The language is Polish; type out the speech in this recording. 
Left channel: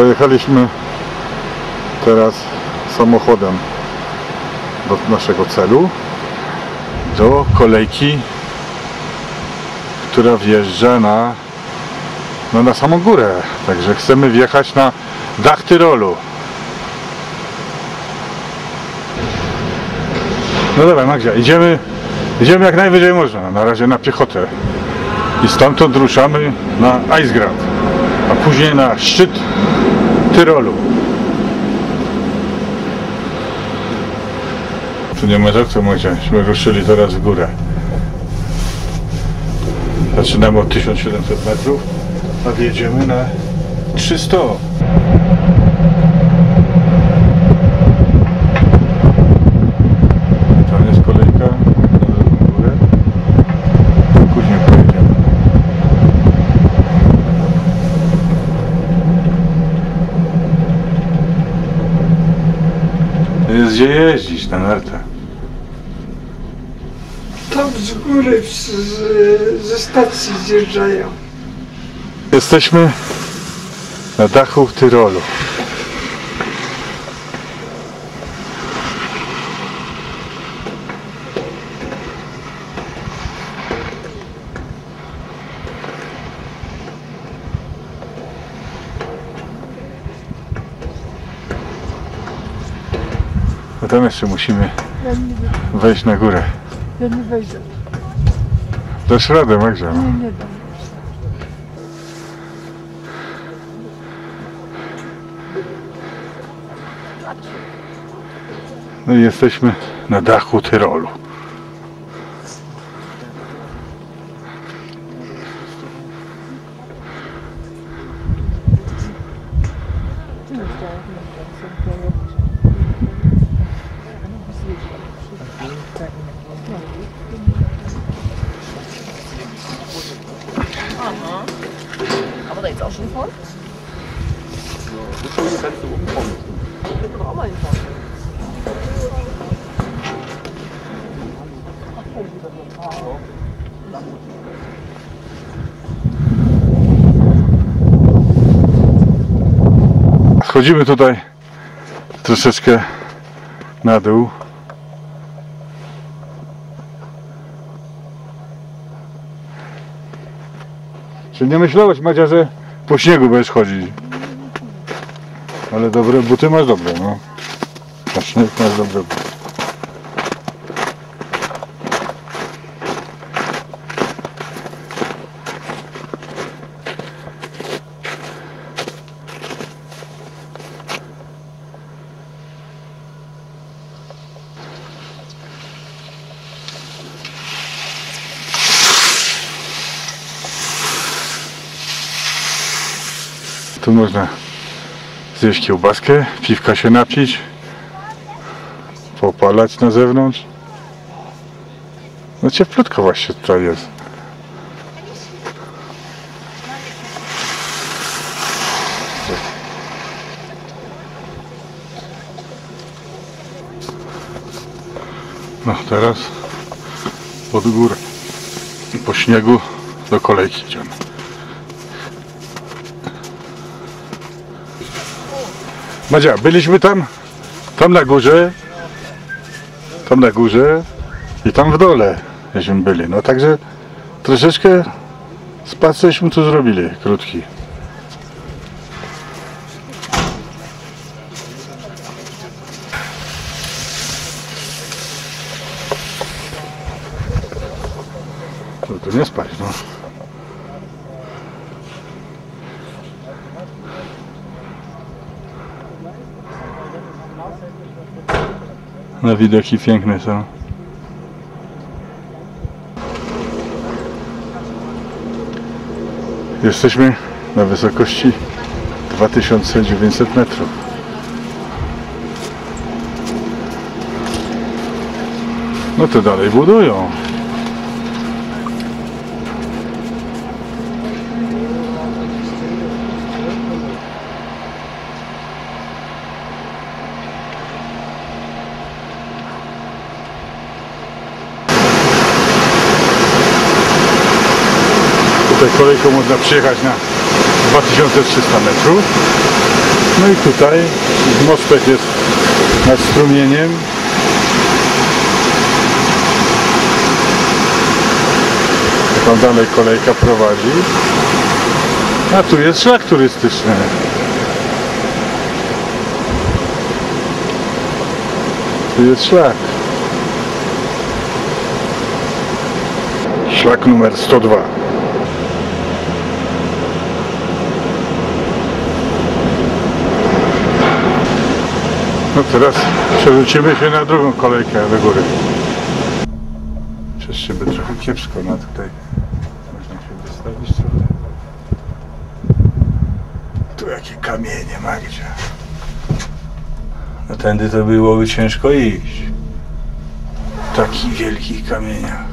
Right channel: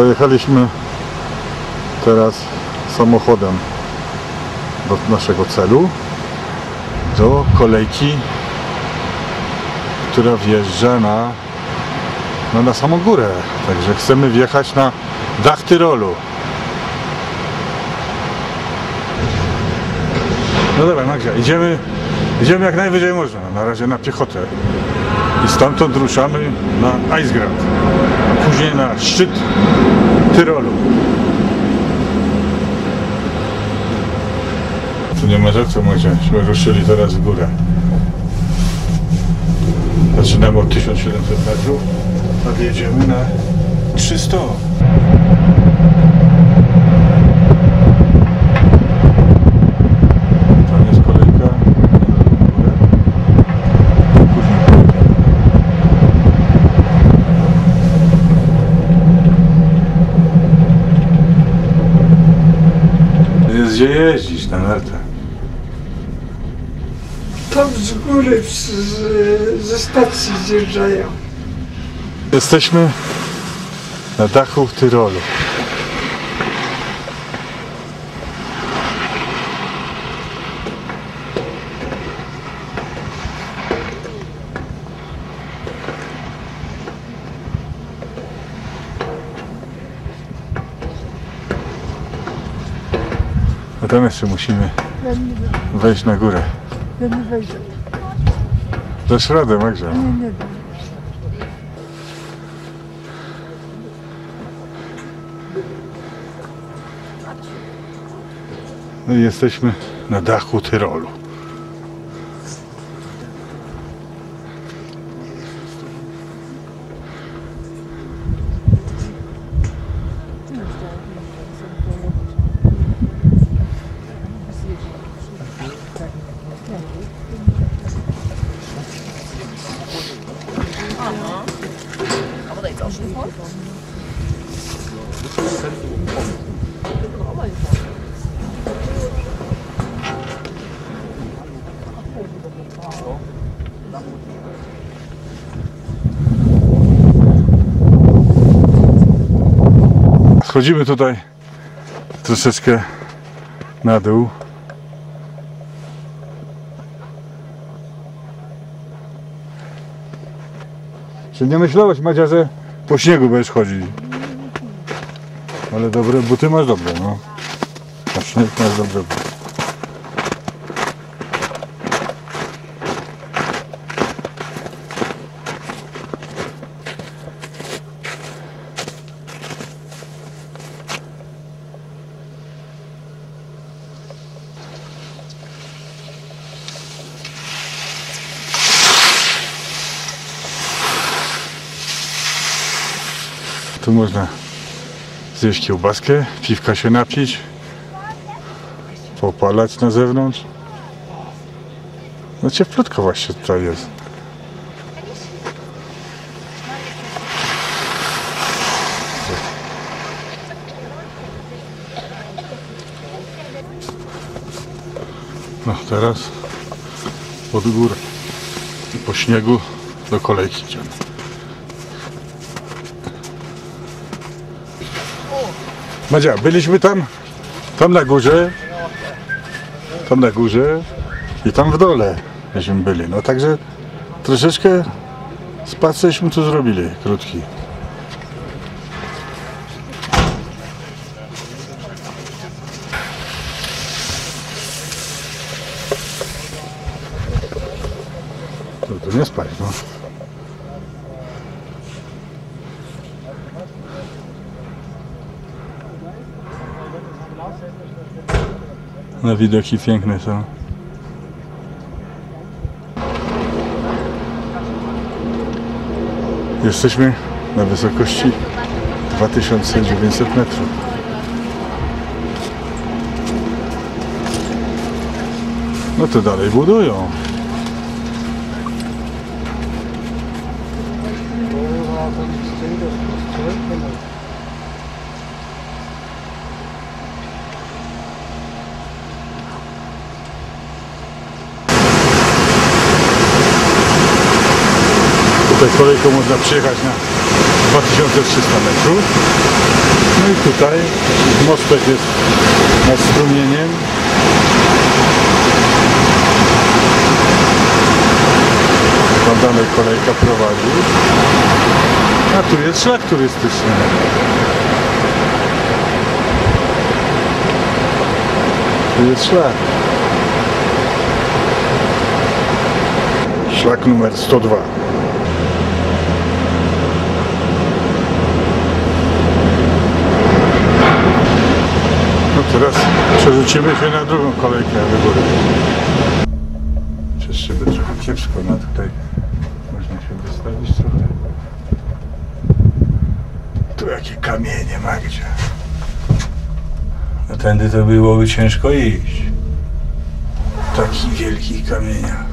Dojechaliśmy teraz samochodem do naszego celu, do kolejki, która wjeżdża na, no na samą górę. Także chcemy wjechać na dach Tyrolu. No dobra, Magdzia, idziemy, idziemy jak najwyżej można. Na razie na piechotę. I stamtąd ruszamy na Icegrad, a później na szczyt Tyrolu. Tu nie ma za co Magdziaśmy ruszyli teraz w górę. Zaczynamy od 1700 metrów, a wjedziemy na 300. Tam jest kolejka na drugą górę. Później pojedziemy. Jest gdzie jeździć na nartach. Tam z góry z, z, ze stacji zjeżdżają. Jesteśmy na dachu w Tyrolu. A tam jeszcze musimy wejść na górę. ja nie wejdę. Radę, Magda. no. Nie, nie dam. No i jesteśmy na dachu Tyrolu. Aber da jetzt auch schon von? Brauchen wir nicht von. Schodzimy tutaj troszeczkę na dół. Czy nie myślałeś, Madzia, że po śniegu będziesz chodzić? Ale dobre buty masz dobre, no. Na śnieg masz dobre buty. Tu można zjeść kiełbaskę, piwka się napić, popalać na zewnątrz. No cieplutko właśnie tutaj jest. No teraz pod górę po śniegu do kolejki idziemy. Madzia, byliśmy tam, tam na górze, tam na górze i tam w dole, żeśmy byli. No także troszeczkę spacerśmy tu zrobili, krótki. No nie spać, no. No widoki piękne są. Jesteśmy na wysokości 2900 metrów. No to dalej budują. Tutaj kolejką można przyjechać na 2300 metrów. No i tutaj mostek jest nad strumieniem. Tam dalej kolejka prowadzi. A tu jest szlak turystyczny. Tu jest szlak. Szlak numer 102. No teraz przerzucimy się na drugą kolejkę do góry. Przez szybę trochę kiepsko, no tutaj można się wystawić trochę. Tu jakie kamienie, Magdzie. No tędy to byłoby ciężko iść. Takich wielkich kamieniach.